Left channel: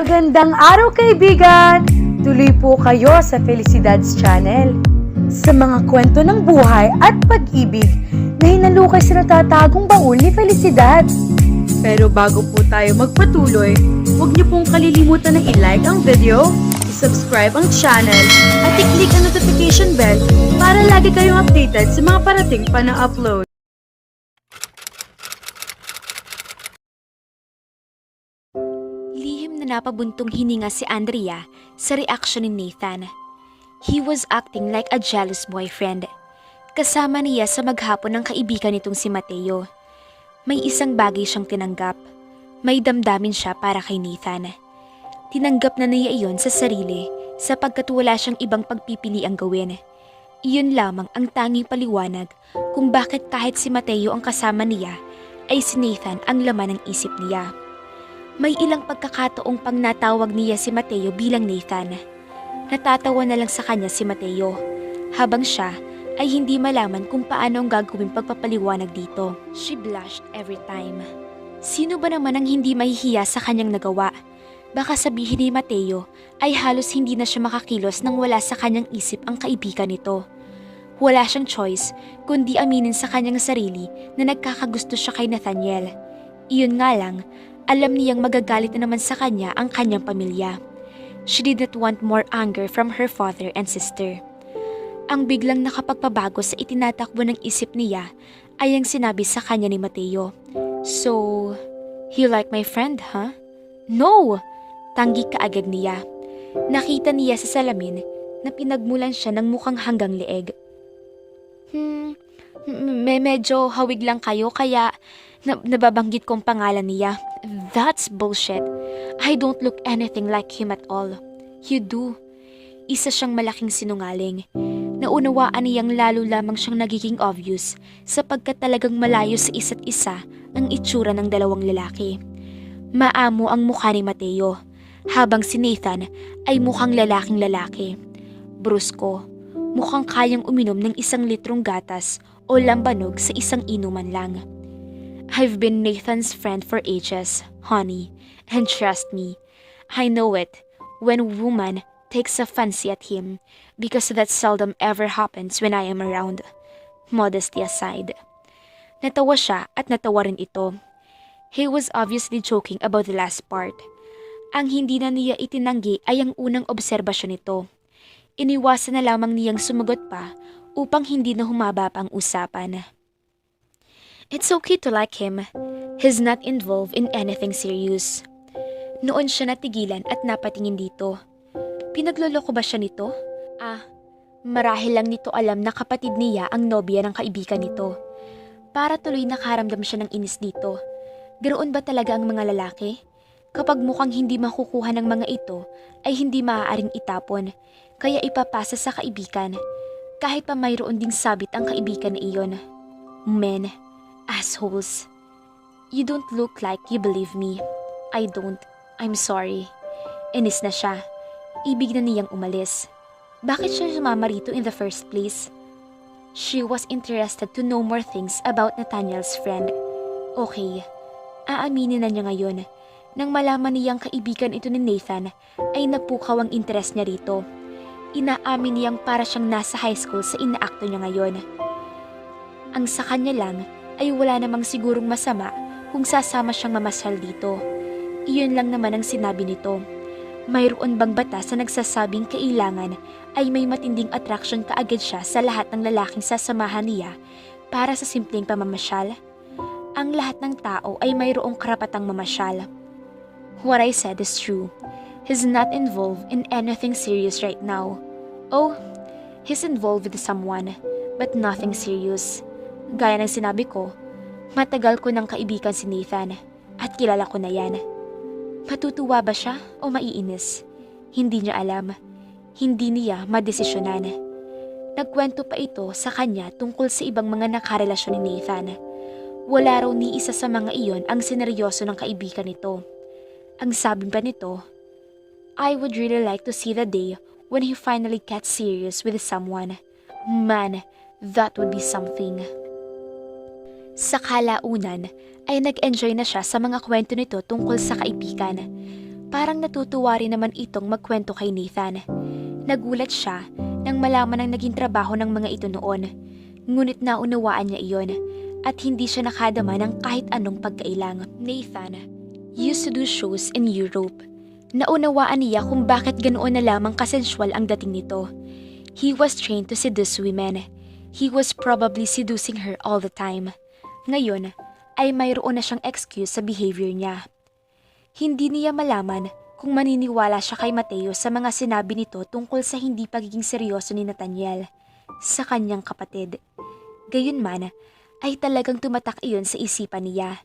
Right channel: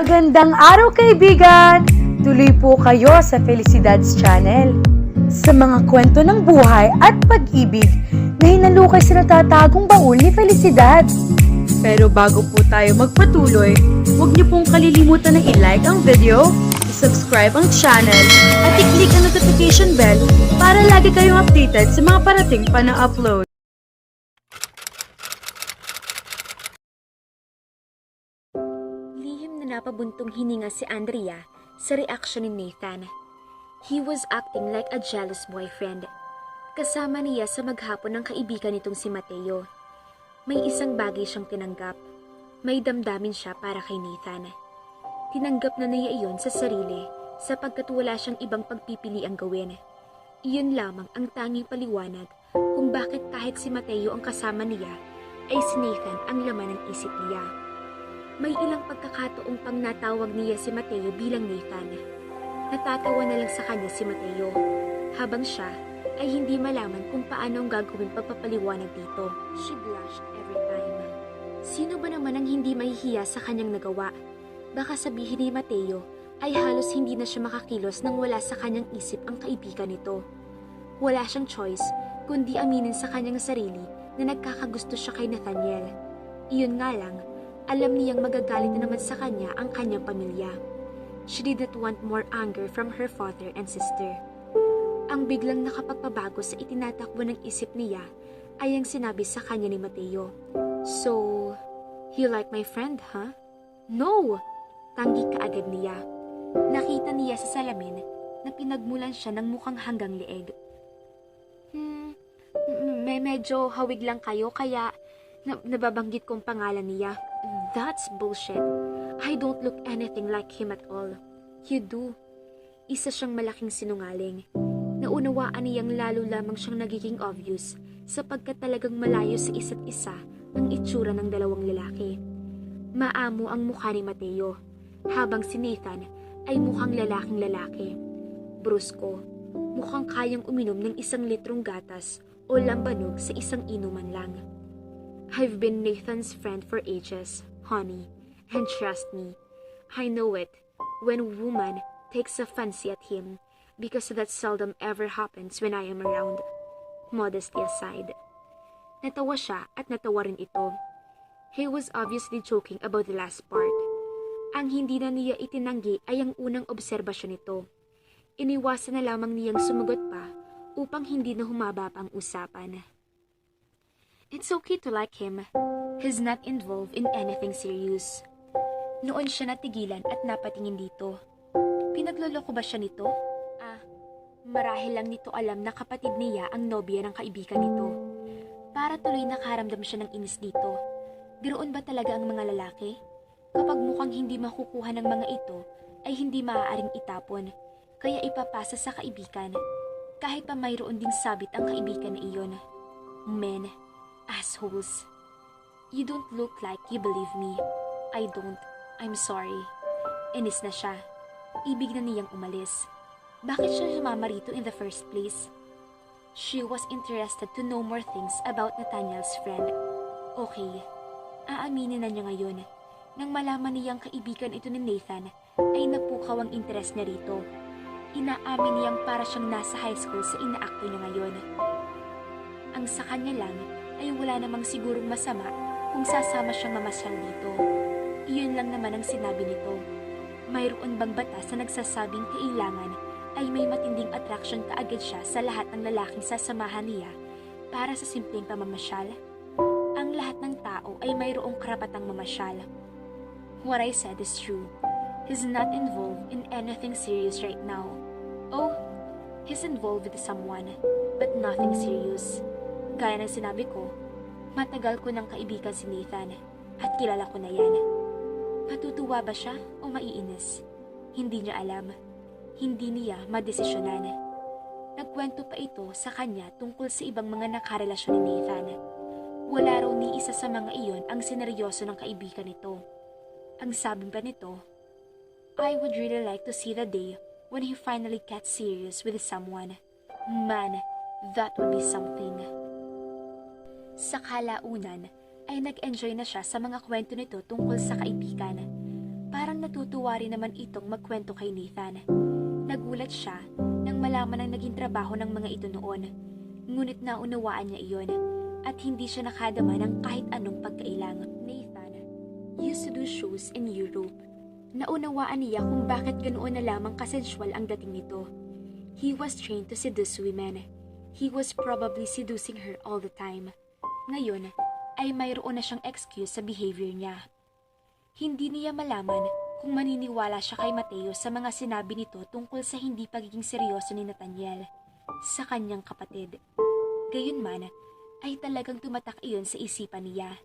Magandang araw kaibigan! Tuloy po kayo sa Felicidad's Channel. Sa mga kwento ng buhay at pag-ibig na hinalukay sa natatagong baul ni Felicidad. Pero bago po tayo magpatuloy, huwag niyo pong kalilimutan na i-like ang video, i-subscribe ang channel, at i-click ang notification bell para lagi kayong updated sa mga parating pa na upload. Lihim na napabuntong hininga si Andrea sa reaksyon ni Nathan. He was acting like a jealous boyfriend. Kasama niya sa maghapon ng kaibigan nitong si Mateo. May isang bagay siyang tinanggap. May damdamin siya para kay Nathan. Tinanggap na niya iyon sa sarili sapagkat wala siyang ibang pagpipiliang gawin. Iyon lamang ang tanging paliwanag kung bakit kahit si Mateo ang kasama niya, ay si Nathan ang laman ng isip niya. May ilang pagkakataong pang natawag niya si Mateo bilang Nathan. Natatawa na lang sa kanya si Mateo, habang siya ay hindi malaman kung paano ang gagawin pagpapaliwanag dito. She blushed every time. Sino ba naman ang hindi mahihiya sa kanyang nagawa? Baka sabihin ni Mateo ay halos hindi na siya makakilos nang wala sa kanyang isip ang kaibigan nito. Wala siyang choice kundi aminin sa kanyang sarili na nagkakagusto siya kay Nathaniel. Iyon nga lang, alam niyang magagalit na naman sa kanya ang kanyang pamilya. She did not want more anger from her father and sister. Ang biglang nakapagpabago sa itinatakbo ng isip niya ay ang sinabi sa kanya ni Mateo. So, you like my friend, huh? No! Tanggi kaagad niya. Nakita niya sa salamin na pinagmulan siya ng mukhang hanggang leeg. Medyo hawig lang kayo kaya nababanggit kong pangalan niya. That's bullshit. I don't look anything like him at all. You do. Isa siyang malaking sinungaling. Naunawaan niyang lalo lamang siyang nagiging obvious sapagkat talagang malayo sa isa't isa ang itsura ng dalawang lalaki. Maamo ang mukha ni Mateo, habang si Nathan ay mukhang lalaking lalaki. Brusko, mukhang kayang uminom ng 1 litrong gatas o lambanog sa isang inuman lang. I've been Nathan's friend for ages, honey, and trust me, I know it when a woman takes a fancy at him because that seldom ever happens when I am around. Modesty aside. Natawa siya at natawa rin ito. He was obviously joking about the last part. Ang hindi na niya itinanggi ay ang unang obserbasyon nito. Iniwasan na lamang niyang sumagot pa upang hindi na humaba pa ang usapan. It's okay to like him. He's not involved in anything serious. Noon siya natigilan at napatingin dito. Pinagloloko ba siya nito? Marahil lang nito alam na kapatid niya ang nobya ng kaibigan nito. Para tuloy nakaramdam siya ng inis dito. Ganoon ba talaga ang mga lalaki? Kapag mukhang hindi makukuha ng mga ito, ay hindi maaaring itapon, kaya ipapasa sa kaibigan. Kahit pa mayroon ding sabit ang kaibigan na iyon. Men, assholes. You don't look like you believe me. I don't. I'm sorry. Inis na siya. Ibig na niyang umalis. Bakit siya sumama rito in the first place? She was interested to know more things about Nathaniel's friend. Okay, aaminin na niya ngayon. Nang malaman niyang kaibigan ito ni Nathan, ay napukaw ang interes niya rito. Inaamin niyang para siyang nasa high school sa inaakto niya ngayon. Ang sa kanya lang ay wala namang sigurong masama kung sasama siyang mamasyal dito. Iyon lang naman ang sinabi nito. Mayroon bang batas na nagsasabing kailangan ay may matinding attraction kaagad siya sa lahat ng lalaking sasamahan niya para sa simpleng pamamasyal? Ang lahat ng tao ay mayroong karapatang mamasyal. What I said is true. He's not involved in anything serious right now. Oh, he's involved with someone, but nothing serious. Gaya ng sinabi ko, matagal ko ng kaibigan si Nathan at kilala ko na yan. Matutuwa ba siya o maiinis? Hindi niya alam. Hindi niya madesisyonan. Nagkwento pa ito sa kanya tungkol sa ibang mga nakarelasyon ni Nathan. Wala raw ni isa sa mga iyon ang sineryoso ng kaibigan nito. Ang sabi pa nito, I would really like to see the day when he finally gets serious with someone. Man, that would be something. Sa kalaunan ay nag-enjoy na siya sa mga kwento nito tungkol sa kaibigan. Parang natutuwa rin naman itong magkwento kay Nathan. Nagulat siya nang malaman ang naging trabaho ng mga ito noon. Ngunit naunawaan niya iyon at hindi siya nakadama ng kahit anong pagkailang. Nathan used to do shows in Europe. Naunawaan niya kung bakit ganoon na lamang kasensual ang dating nito. He was trained to seduce women. He was probably seducing her all the time. Ngayon ay mayroon na siyang excuse sa behavior niya. Hindi niya malaman kung maniniwala siya kay Mateo sa mga sinabi nito tungkol sa hindi pagiging seryoso ni Nathaniel sa kanyang kapatid. Gayunman, ay talagang tumatak iyon sa isipan niya.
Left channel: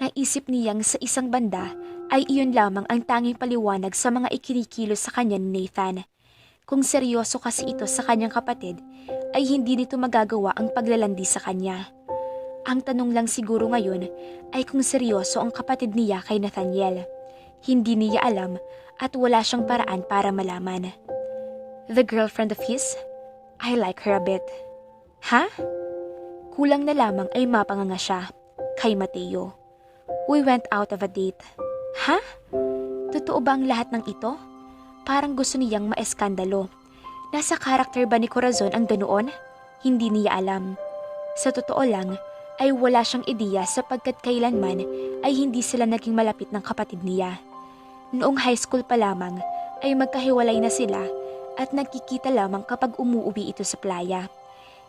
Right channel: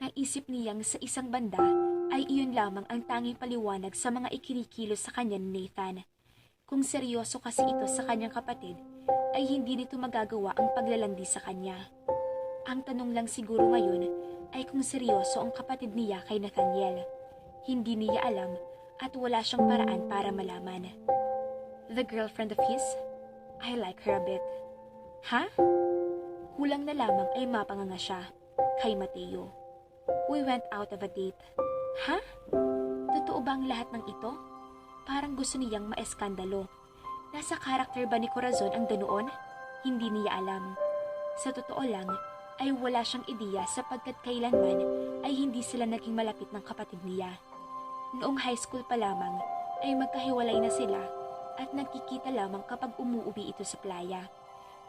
Naisip niyang sa isang banda ay iyon lamang ang tanging paliwanag sa mga ikinikilos sa kanya ni Nathan. Kung seryoso kasi ito sa kanyang kapatid, ay hindi nito magagawa ang paglalandi sa kanya. Ang tanong lang siguro ngayon ay kung seryoso ang kapatid niya kay Nathaniel. Hindi niya alam at wala siyang paraan para malaman. The girlfriend of his? I like her a bit. Ha? Kulang na lamang ay mapanganga siya kay Mateo. We went out of a date. Ha? Totoo ba ang lahat ng ito? Parang gusto niyang maeskandalo. Nasa karakter ba ni Corazon ang ganoon? Hindi niya alam. Sa totoo lang, ay wala siyang ideya sapagkat kailanman ay hindi sila naging malapit ng kapatid niya. Noong high school pa lamang ay magkahiwalay na sila at nagkikita lamang kapag umuuwi ito sa playa.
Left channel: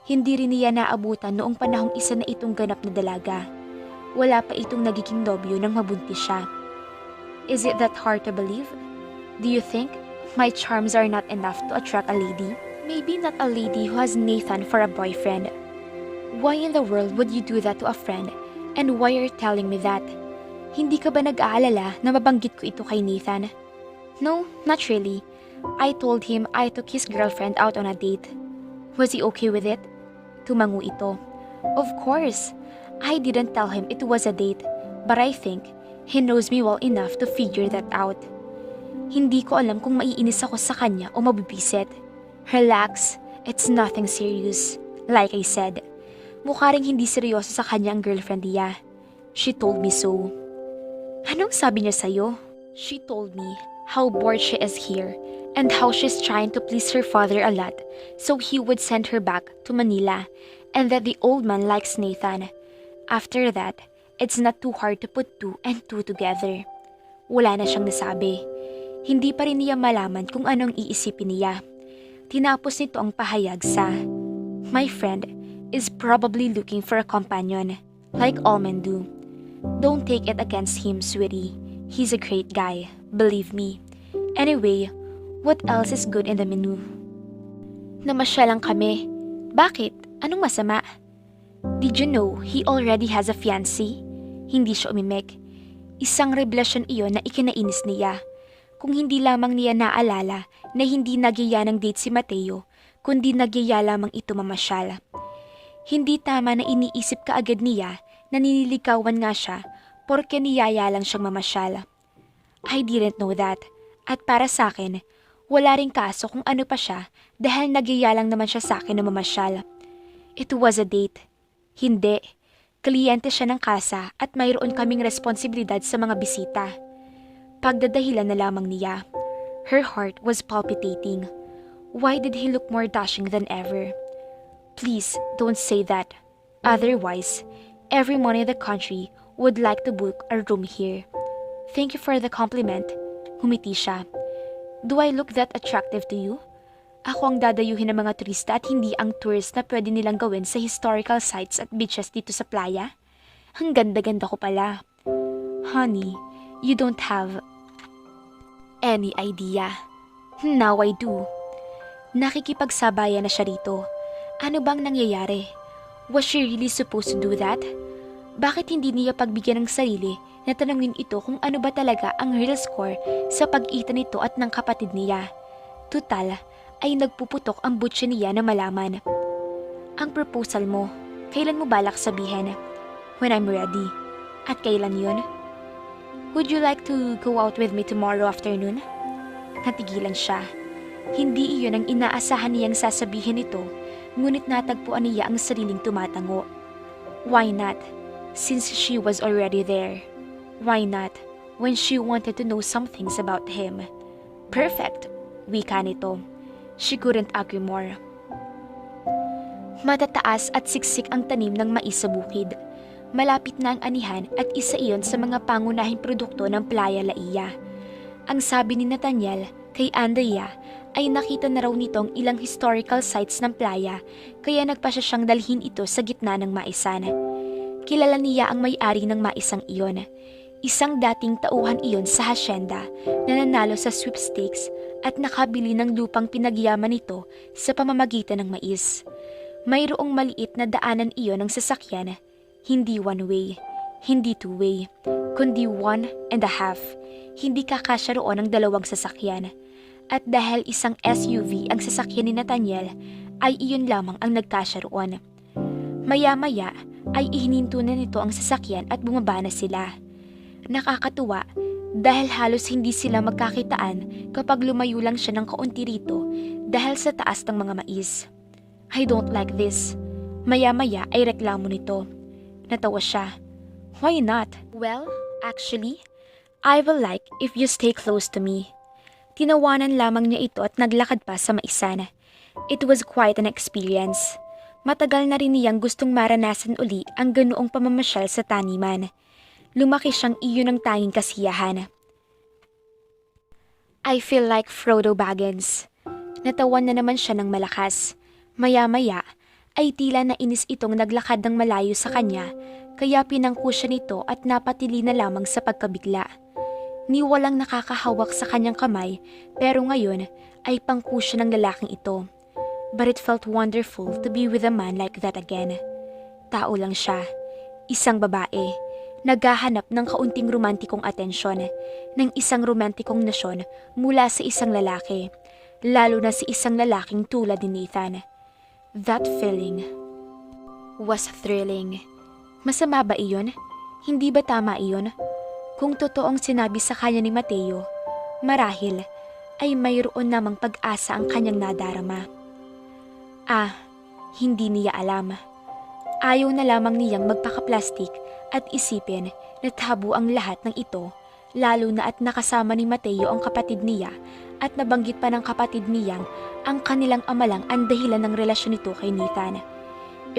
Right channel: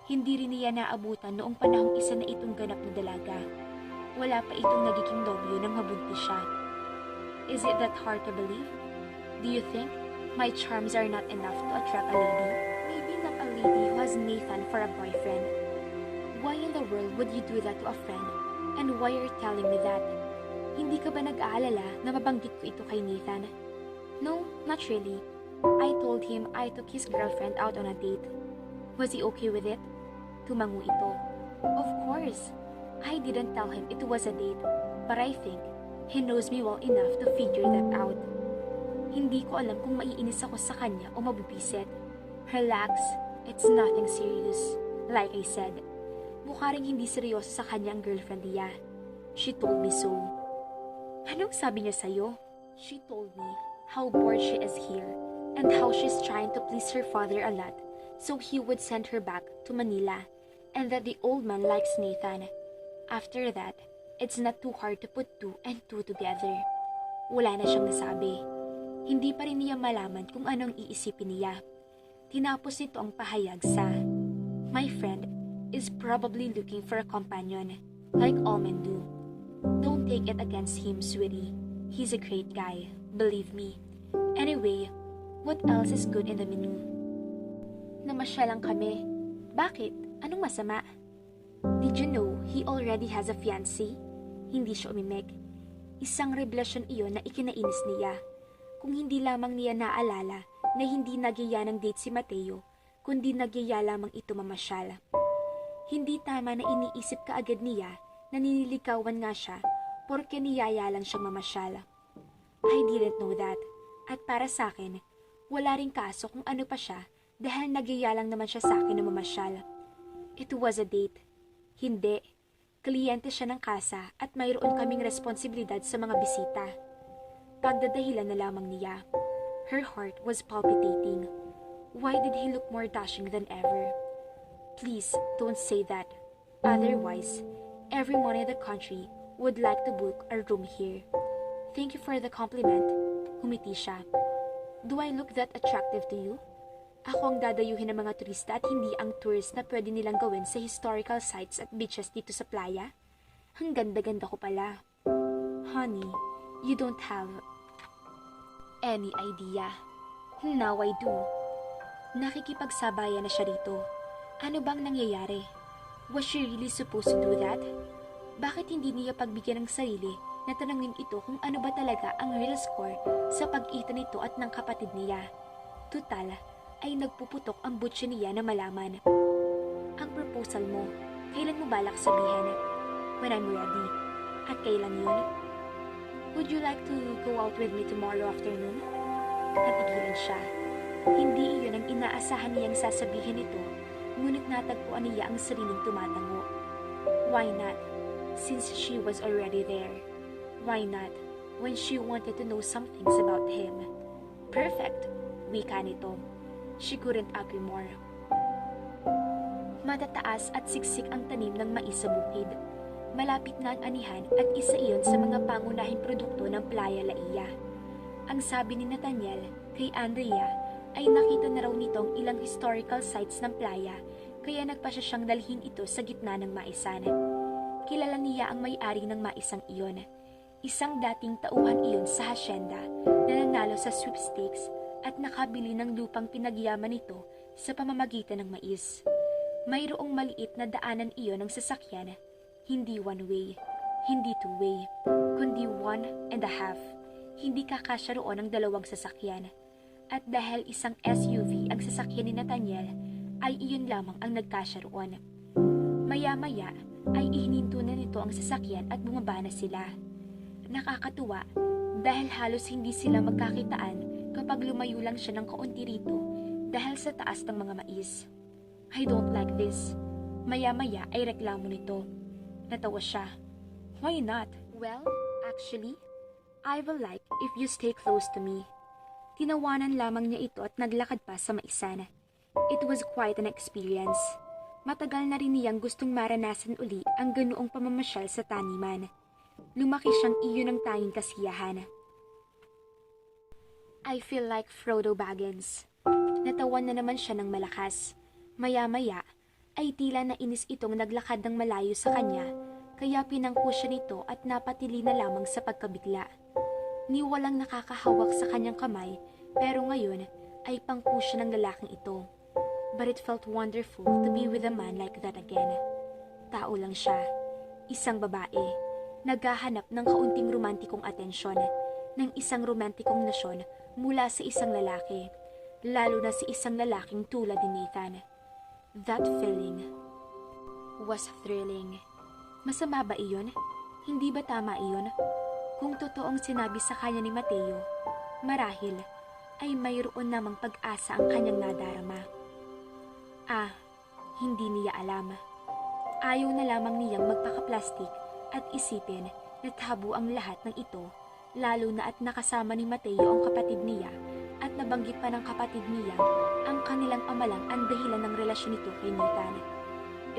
Hindi rin niya naabutan noong panahong isa na itong ganap na dalaga. Wala pa itong nagiging nobyo nang mabuntis siya. Is it that hard to believe? Do you think my charms are not enough to attract a lady? Maybe not a lady who has Nathan for a boyfriend. Why in the world would you do that to a friend? And why are you telling me that? Hindi ka ba nag-aalala na mabanggit ko ito kay Nathan? No, not really. I told him I took his girlfriend out on a date. Was he okay with it? Tumango ito. Of course. I didn't tell him it was a date, but I think he knows me well enough to figure that out. Hindi ko alam kung maiinis ako sa kanya o mabibisit. Relax, it's nothing serious. Like I said, mukha ring hindi seryoso sa kanya ang girlfriend niya. She told me so. Anong sabi niya sa'yo? She told me how bored she is here and how she's trying to please her father a lot so he would send her back to Manila and that the old man likes Nathan. After that, it's not too hard to put two and two together. Wala na siyang nasabi. Hindi pa rin niya malaman kung anong iisipin niya. Tinapos nito ang pahayag sa, "My friend is probably looking for a companion, like all men do. Don't take it against him, sweetie. He's a great guy, believe me. Anyway, what else is good in the menu?" Namasyal lang kami. Bakit? Anong masama? Did you know he already has a fiancé? Hindi siya umimik. Isang revelasyon iyon na ikinainis niya. Kung hindi lamang niya naalala na hindi nagyaya ng date si Mateo, kundi nagyaya lamang ito mamasyal. Hindi tama na iniisip kaagad niya na ninilikawan nga siya porke niyaya lang siyang mamasyal. I didn't know that. At para sa akin, wala ring kaso kung ano pa siya dahil nagyaya lang naman siya sa akin na mamasyal. It was a date. Hindi. Kliyente siya ng kasa at mayroon kaming responsibilidad sa mga bisita. Pagdadahilan na lamang niya. Her heart was palpitating. Why did he look more dashing than ever? Please, don't say that. Otherwise, everyone in the country would like to book a room here. Thank you for the compliment. Humiti siya. Do I look that attractive to you? Ako ang dadayuhin ng mga turista at hindi ang tours na pwede nilang gawin sa historical sites at beaches dito sa playa? Ang ganda-ganda ko pala. Honey, you don't have any idea. Now I do. Nakikipagsabayan na siya rito. Ano bang nangyayari? Was she really supposed to do that? Bakit hindi niya pagbigyan ng sarili na tanungin ito kung ano ba talaga ang real score sa pag-itan nito at ng kapatid niya? Tutal, ay nagpuputok ang butya niya na malaman. Ang proposal mo, kailan mo balak sabihin? When I'm ready. At kailan yun? Would you like to go out with me tomorrow afternoon? Natigilan siya. Hindi iyon ang inaasahan niyang sasabihin ito, ngunit natagpuan niya ang sariling tumatango. Why not? Since she was already there. Why not? when she wanted to know some things about him. Perfect, wika nito. She couldn't agree more. Matataas at siksik ang tanim ng mais sa bukid. Malapit na ang anihan at isa iyon sa mga pangunahing produkto ng Playa Laia. Ang sabi ni Nathaniel kay Andrea ay nakita na raw nitong ilang historical sites ng playa kaya nagpasya siyang dalhin ito sa gitna ng maisan. Kilala niya ang may-ari ng maisang iyon. Isang dating tauhan iyon sa hasyenda na nanalo sa sweepstakes at nakabili ng lupang pinagyaman nito sa pamamagitan ng mais. Mayroong maliit na daanan iyon ng sasakyan, hindi one-way, hindi two-way, kundi 1.5. Hindi kakasya roon ang 2 sasakyan. At dahil isang SUV ang sasakyan ni Nathaniel, ay iyon lamang ang nagkasya roon. Maya-maya ay ihininto na nito ang sasakyan at bumaba na sila. Nakakatuwa dahil halos hindi sila magkakitaan kapag lumayo lang siya ng kaunti rito dahil sa taas ng mga mais. I don't like this. Maya-maya ay reklamo nito. Natawa siya. Why not? Well, actually, I will like if you stay close to me. Tinawanan lamang niya ito at naglakad pa sa maisan. It was quite an experience. Matagal na rin niyang gustong maranasan uli ang ganoong pamamasyal sa taniman. Lumaki siyang iyon ang tanging kasiyahan. I feel like Frodo Baggins. Natawan na naman siya ng malakas. Maya-maya ay tila nainis itong naglakad ng malayo sa kanya kaya pinangko siya nito at napatili na lamang sa pagkabigla. Ni walang nakakahawak sa kanyang kamay pero ngayon ay pangko siya ng lalaking ito. But it felt wonderful to be with a man like that again. Tao lang siya, isang babae, naghahanap ng kaunting romantikong atensyon, ng isang romantikong nasyon mula sa isang lalaki, lalo na si isang lalaking tulad ni Nathan. That feeling was thrilling. Masama ba iyon? Hindi ba tama iyon? Kung totoong sinabi sa kanya ni Mateo, marahil ay mayroon namang pag-asa ang kanyang nadarama. Hindi niya alam. Ayaw na lamang niyang magpaka-plastic at isipin na tabu ang lahat ng ito, lalo na at nakasama ni Mateo ang kapatid niya at nabanggit pa ng kapatid niyang ang kanilang ama lang ang dahilan ng relasyon nito kay Nathan.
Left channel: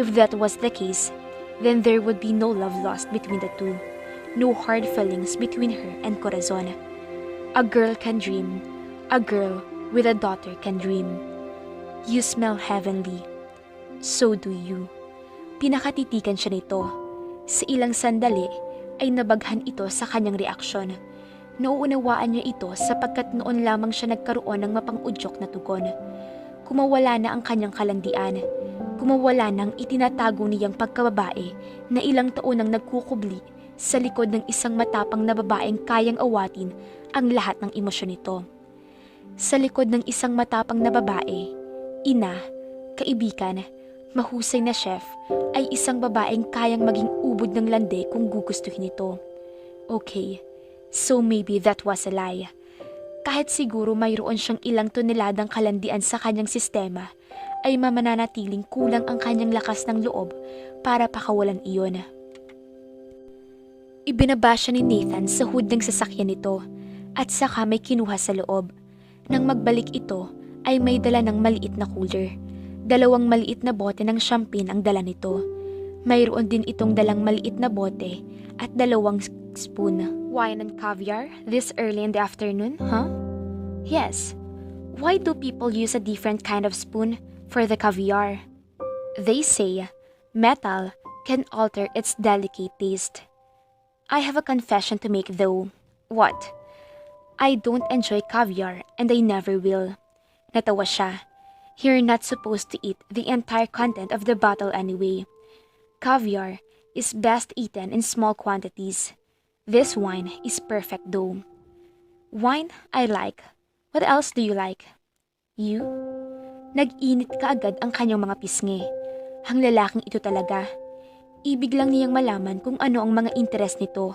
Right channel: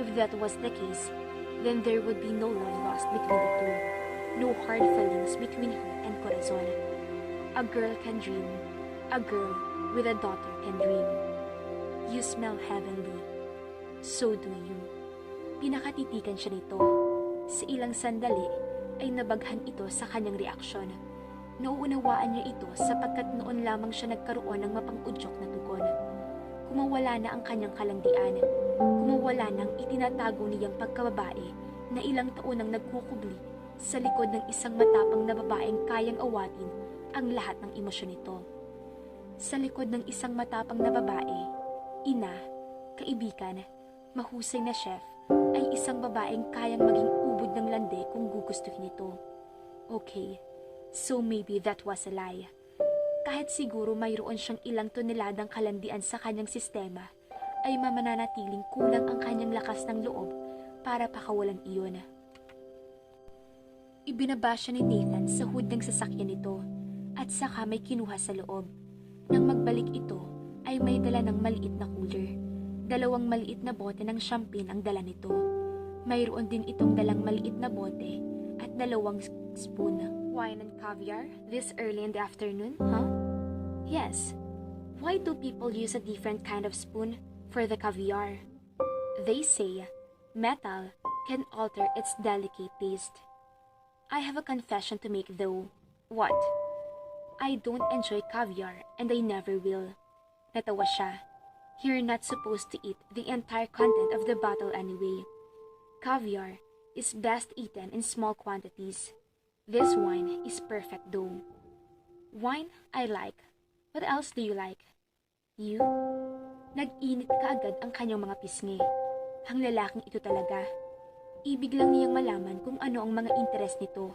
If that was the case, then there would be no love lost between the two. No hard feelings between her and Corazon. A girl can dream. A girl with a daughter can dream. You smell heavenly. So do you. Pinakatitikan siya nito. Sa ilang sandali ay nabaghan ito sa kanyang reaksyon. Nauunawaan niya ito sapagkat noon lamang siya nagkaroon ng mapang-udyok na tugon. Kumawala na ang kanyang kalandian. Kumawala nang itinatago niyang pagkababae na ilang taon nang nagkukubli sa likod ng isang matapang na babaeng kayang awatin ang lahat ng emosyon nito. Sa likod ng isang matapang na babae, ina, kaibigan, mahusay na chef, ay isang babaeng kayang maging ubod ng lande kung gugustuhin ito. Okay, so maybe that was a lie. Kahit siguro mayroon siyang ilang toneladang kalandian sa kanyang sistema, ay mamananatiling kulang ang kanyang lakas ng loob para pakawalan iyon. Ibinaba siya ni Nathan sa hood ng sasakyan nito at saka may kinuha sa loob. Nang magbalik ito ay may dala ng maliit na cooler. 2 maliit na bote ng champagne ang dala nito. Mayroon din itong dalang maliit na bote at 2 spoon. Wine and caviar this early in the afternoon, huh? Yes. Why do people use a different kind of spoon for the caviar? They say metal can alter its delicate taste. I have a confession to make though. What? I don't enjoy caviar and I never will. Natawa siya. You're not supposed to eat the entire content of the bottle anyway. Caviar is best eaten in small quantities. This wine is perfect though. Wine, I like. What else do you like? You? Nag-init kaagad ang kanyang mga pisngi. Ang lalaking ito talaga. Ibig lang niyang malaman kung ano ang mga interes nito.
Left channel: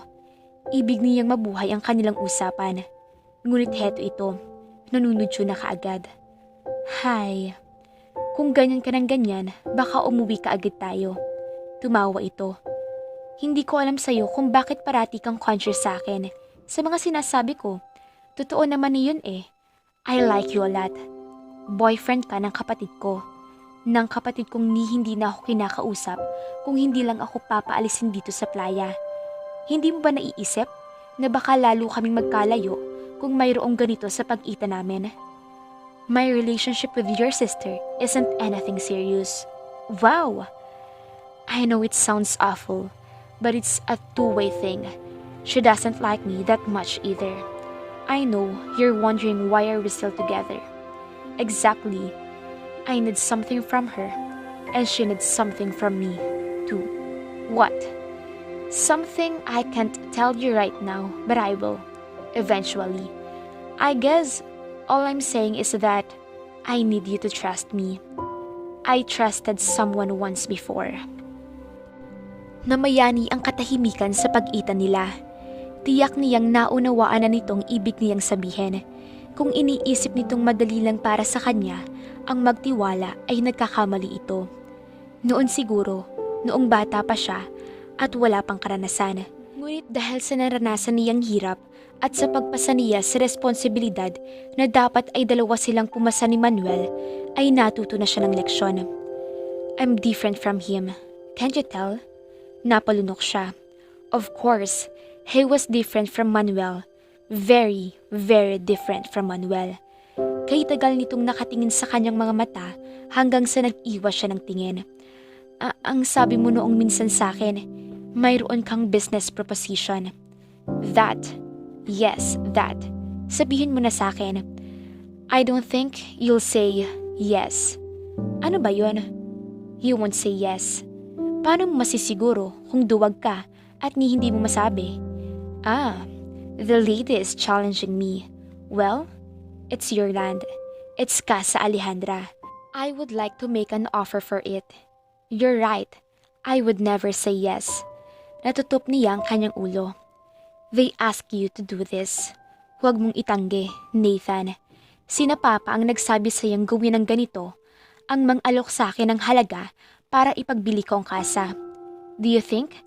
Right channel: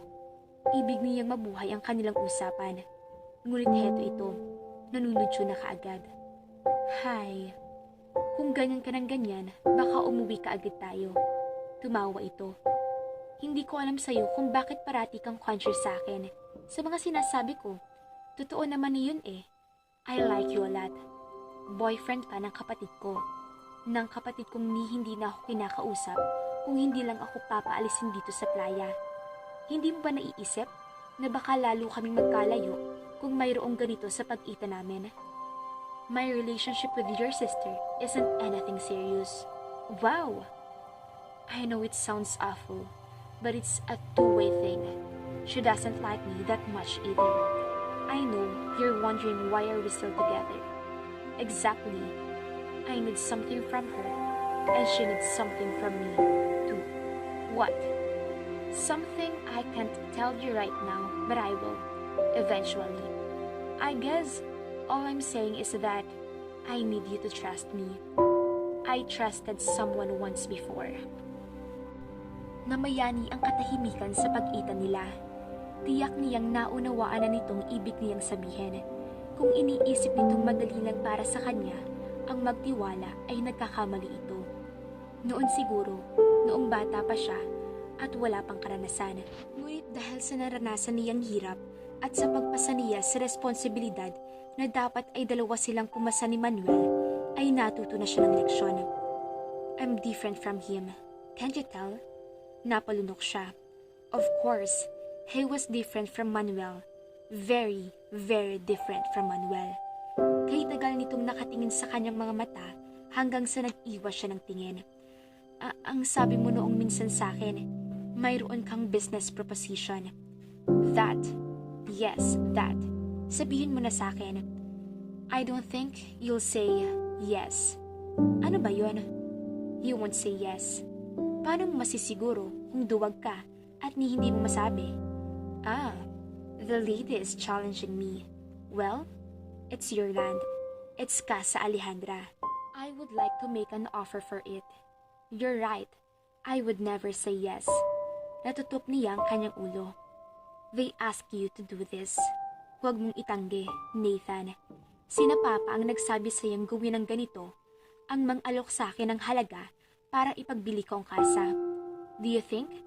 Ibig niyang mabuhay ang kanilang usapan. Ngunit heto ito, nanunudyo na kaagad. Hay, kung ganyan ka ng ganyan, baka umuwi ka agad tayo. Tumawa ito. Hindi ko alam sa'yo kung bakit parati kang conscious sa akin. Sa mga sinasabi ko, totoo naman yun eh. I like you a lot. Boyfriend ka ng kapatid ko. Ng kapatid kong hindi na ako kinakausap kung hindi lang ako papaalisin dito sa playa. Hindi mo ba naiisip na baka lalo kaming magkalayo kung mayroong ganito sa pag-ita namin? My relationship with your sister isn't anything serious. Wow! I know it sounds awful, but it's a two-way thing. She doesn't like me that much either. I know you're wondering why are we still together. Exactly. I need something from her, and she needs something from me, too. What? Something I can't tell you right now, but I will. Eventually. I guess all I'm saying is that I need you to trust me. I trusted someone once before. Namayani ang katahimikan sa pag-ita nila. Tiyak niyang naunawaan na nitong ibig niyang sabihin. Kung iniisip nitong madali lang para sa kanya, ang magtiwala ay nagkakamali ito. Noon siguro, noong bata pa siya at wala pang karanasan. Ngunit dahil sa naranasan niyang hirap at sa pagpasa niya sa responsibilidad na dapat ay dalawa silang pumasa ni Manuel, ay natuto na siya ng leksyon. I'm different from him. Can't you tell? Napalunok siya. Of course, he was different from Manuel. Very, very different from Manuel. Kay tagal nitong nakatingin sa kanyang mga mata hanggang sa nag-iwas siya ng tingin. Ang sabi mo noong minsan sa akin, mayroon kang business proposition. That. Yes, that. Sabihin mo na sa akin. I don't think you'll say yes. Ano ba yun? You won't say yes. Paano mo masisiguro kung duwag ka at hindi mo masabi? The lady is challenging me. Well, it's your land. It's Casa Alejandra. I would like to make an offer for it. You're right. I would never say yes. Natutup niya ang kanyang ulo. They ask you to do this. Huwag mong itanggi, Nathan. Sina Papa ang nagsabi sa'yong gawin ng ganito, ang mang-alok sa akin ng halaga para ipagbili ko ang kasa. Do you think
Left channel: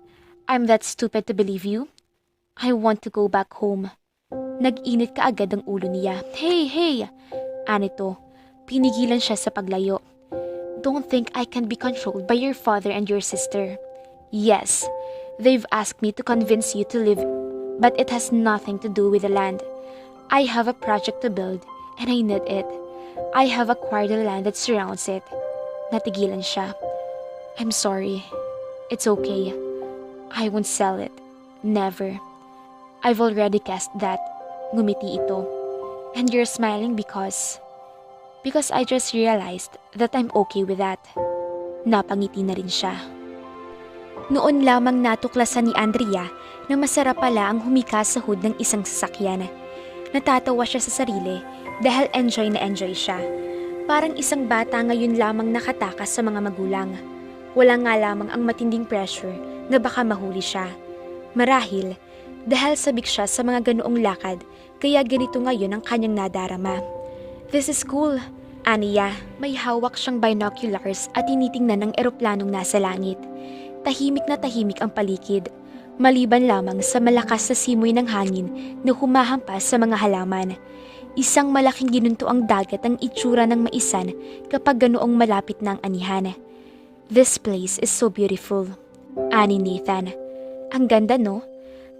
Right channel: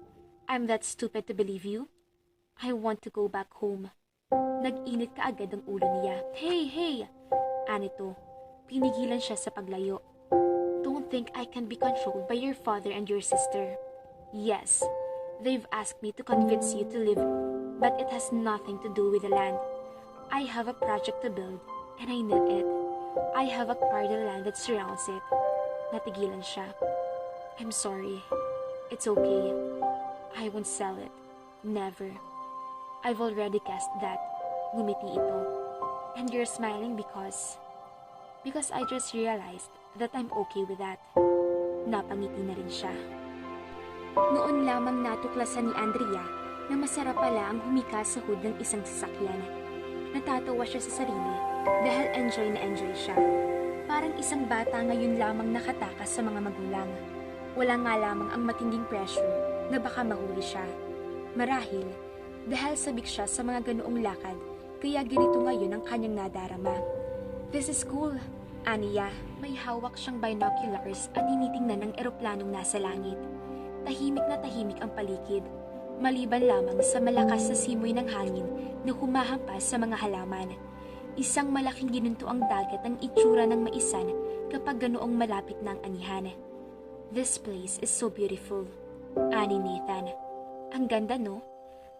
I'm that stupid to believe you? I want to go back home. Nag-init ka agad ang ulo niya. Hey! Anito, pinigilan siya sa paglayo. Don't think I can be controlled by your father and your sister. Yes, they've asked me to convince you to leave, but it has nothing to do with the land. I have a project to build, and I need it. I have acquired the land that surrounds it. Natigilan siya. I'm sorry. It's okay. I won't sell it. Never. I've already cast that. Ngumiti ito. And you're smiling because I just realized that I'm okay with that. Napangiti na rin siya. Noon lamang natuklasan ni Andrea na masarap pala ang humika sa hood ng isang sasakyan. Natatawa siya sa sarili dahil enjoy na enjoy siya. Parang isang bata ngayon lamang nakatakas sa mga magulang. Wala nga lamang ang matinding pressure na baka mahuli siya. Marahil, dahil sabik siya sa mga ganoong lakad, kaya ganito ngayon ang kanyang nadarama. This is cool, Aniya. May hawak siyang binoculars at tinitingnan ng eroplanong nasa langit. Tahimik na tahimik ang paligid, maliban lamang sa malakas na simoy ng hangin na humahampas sa mga halaman. Isang malaking ginunto ang dagat ang itsura ng maisan kapag ganoong malapit na ang anihan. This place is so beautiful, ani Nathan. Ang ganda no?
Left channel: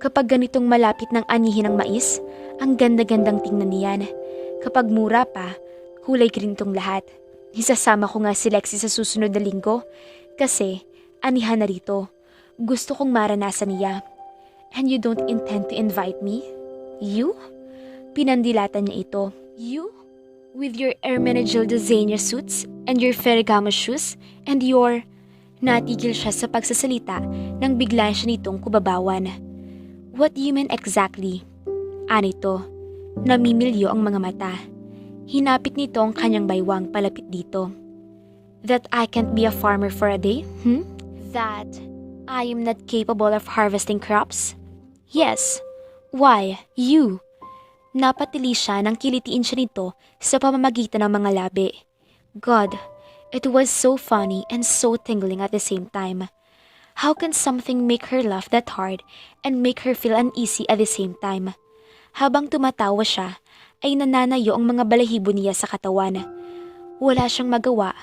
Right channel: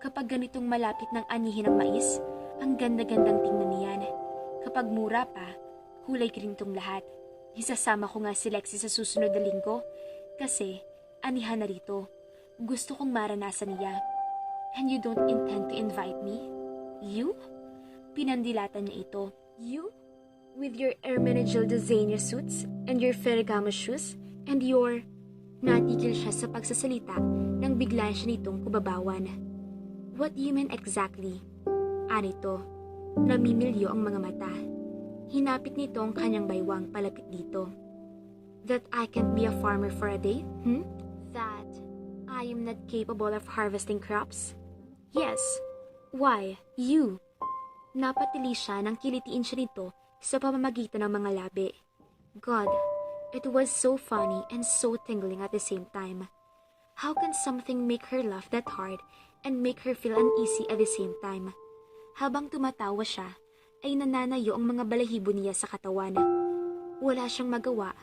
Kapag ganitong malapit ng anihin ng mais, ang ganda-gandang tingnan niyan. Kapag mura pa, kulay green tong lahat. Isasama ko nga si Lexi sa susunod na linggo kasi anihan na rito. Gusto kong maranasan niya. And you don't intend to invite me? You? Pinandilatan niya ito. You? With your Hermenegildo Zegna suits and your Ferragamo shoes and your... Natigil siya sa pagsasalita nang bigla siya nitong kubabawan. What do you mean exactly? Anito, namimilyo ang mga mata. Hinapit nito ang kanyang baywang palapit dito. That I can't be a farmer for a day? That I am not capable of harvesting crops? Yes. Why? You? Napatili siya nang kilitiin siya nito sa pamamagitan ng mga labi. God, it was so funny and so tingling at the same time. How can something make her laugh that hard and make her feel uneasy at the same time? Habang tumatawa siya, ay nananayo ang mga balahibo niya sa katawan. Wala siyang magawa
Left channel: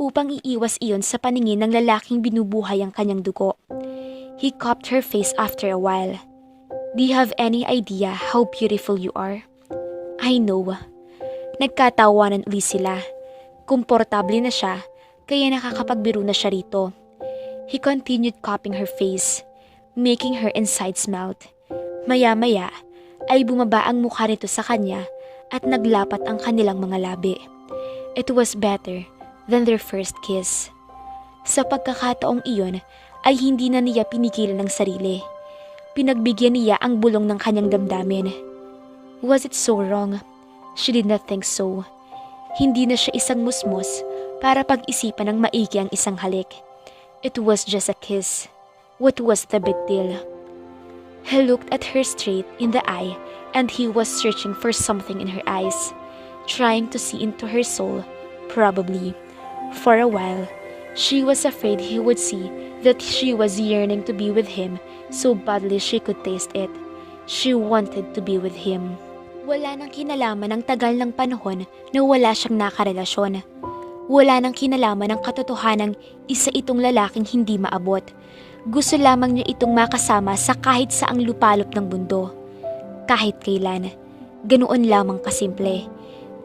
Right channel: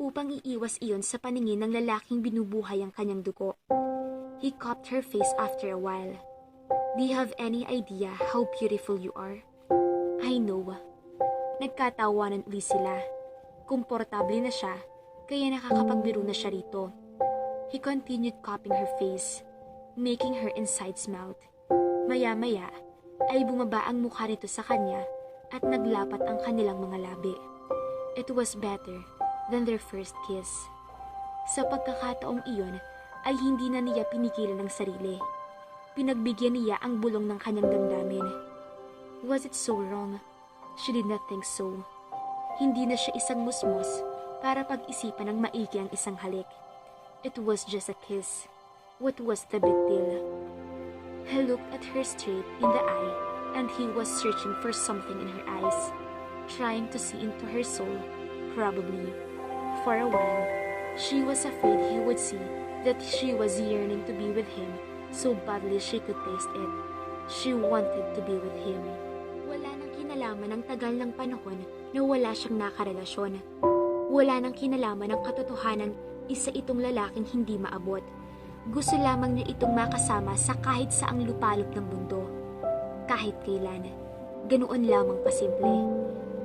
upang iiwas iyon sa paningin ng lalaking binubuhay ang kanyang dugo. He cupped her face after a while. Do you have any idea how beautiful you are? I know. Nagkatawanan uli sila. Komportable na siya, kaya nakakapagbiro na siya rito. He continued cupping her face, making her insides melt. Maya-maya ay bumaba ang mukha nito sa kanya at naglapat ang kanilang mga labi. It was better than their first kiss. Sa pagkakataong iyon ay hindi na niya pinigilan ng sarili. Pinagbigyan niya ang bulong ng kanyang damdamin. Was it so wrong? She did not think so. Hindi na siya isang musmos para pag-isipan ng maigi ang isang halik. It was just a kiss. What was the big deal? He looked at her straight in the eye and he was searching for something in her eyes, trying to see into her soul, probably. For a while, she was afraid he would see that she was yearning to be with him so badly she could taste it. She wanted to be with him. Wala nang kinalaman ang tagal ng panahon na wala siyang nakarelasyon. Wala nang kinalaman ang katotohanang isa itong lalaking hindi maabot. Gusto lamang niya itong makasama sa kahit saang lupalop ng mundo. Kahit kailan. Ganoon lamang kasimple.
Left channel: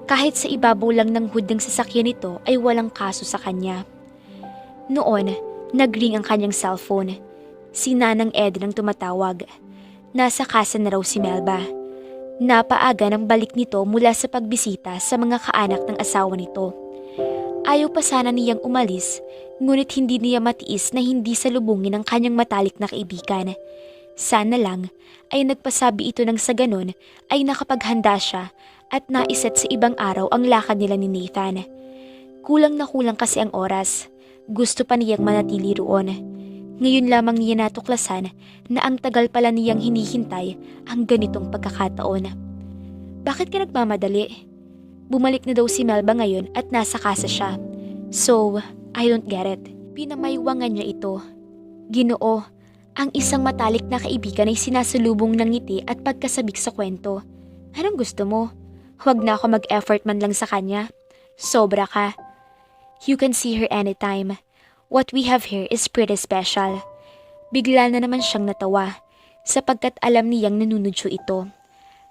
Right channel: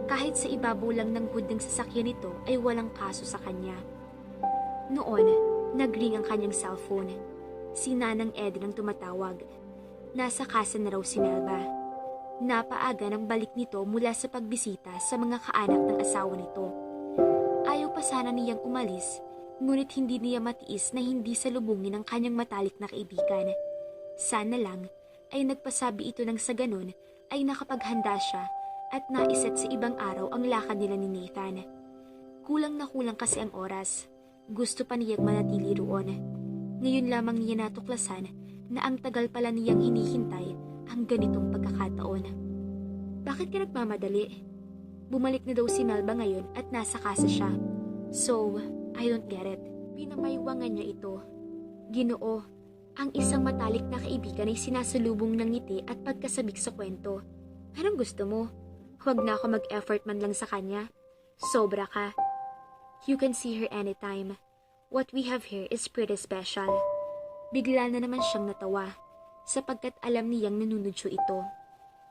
Kahit sa ibabaw lang ng hood ng sasakyan nito ay walang kaso sa kanya. Noon, nag-ring ang kanyang cellphone. Si Nanang Eden ang tumatawag. Nasa casa na raw si Melba. Napaaga ng balik nito mula sa pagbisita sa mga kaanak ng asawa nito. Ayaw pa sana niyang umalis, ngunit hindi niya matiis na hindi salubungin ang kanyang matalik na kaibigan. Sana lang ay nagpasabi ito ng sa ganon ay nakapaghanda siya at naiset sa ibang araw ang lakad nila ni Nathan. Kulang na kulang kasi ang oras. Gusto pa niyang manatili roon. Ngayon lamang niya natuklasan na ang tagal pala niyang hinihintay ang ganitong pagkakataon. Bakit ka nagmamadali? Bumalik na daw si Melba ngayon at nasa casa siya. So, I don't get it. Pinamaywangan niya ito. Ginoo, ang isang matalik na kaibigan ay sinasalubong ng ngiti at pagkasabik sa kwento. Anong gusto mo? Huwag na ako mag-effort man lang sa kanya. Sobra ka. You can see her anytime. What we have here is pretty special. Bigla na naman siyang natawa sapagkat alam niyang nanunudyo ito.